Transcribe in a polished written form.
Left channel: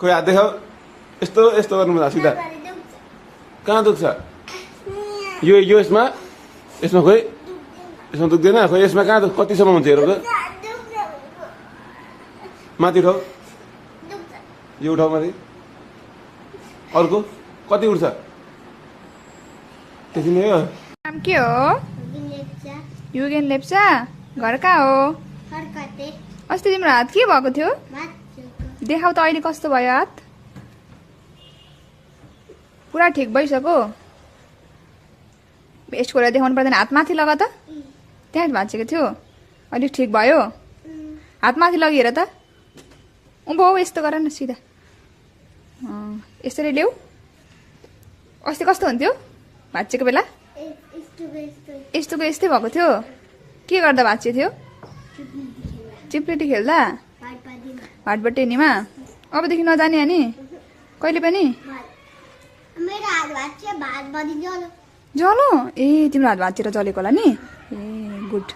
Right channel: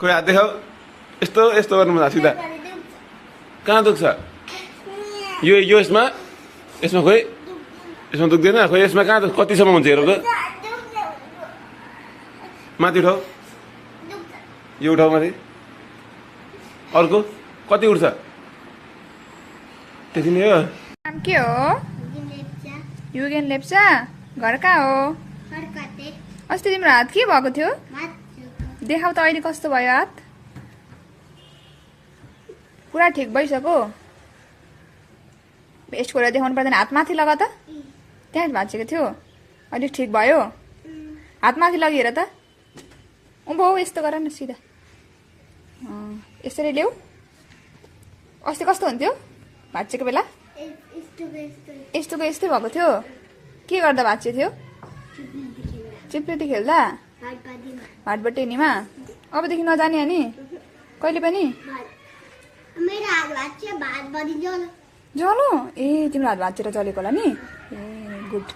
खोइ हात देखाऊ यस्तो यस्तो गर्नु पर्छ सिधा कहाँ दुख्छ यो यसमा यसमा खोइ यसमा दुख्दैन खोइ यसमा कहाँ कतिसम्म हुन्छ हेरेको माथि उठाऊ यो उठाऊ माथि अर्को कति उठ्छ त्यति नै हो नाम के हो युगेन लेप्चा घर कहाँ हो अस्ति तिम्रो हात के भएको थियो देखाउ त अहिले कस्तो भयो हात पुरा ठिक भइसक्यो यस्तो कुरा देखाउनु पर्दैन हात माथि लगा त त्यहाँ भाँचेको थियो अहिले ठिक भयो हात माथि लगेर त उँभो यस्तो गर न सिधा यसरी ल्याऊ अस्ति कस्तो हुन्थ्यो भाँचेको बेला यस्तोको यस्तै भएको थियो के गर्दा भाँचे थियो चिप्लेटी खेल्दा हाटबटेनीमा अबदेखि नजाने अनि कहिले पनि जलो ए तिम्रो हात भाँचेर जलेको होला नि ए गुड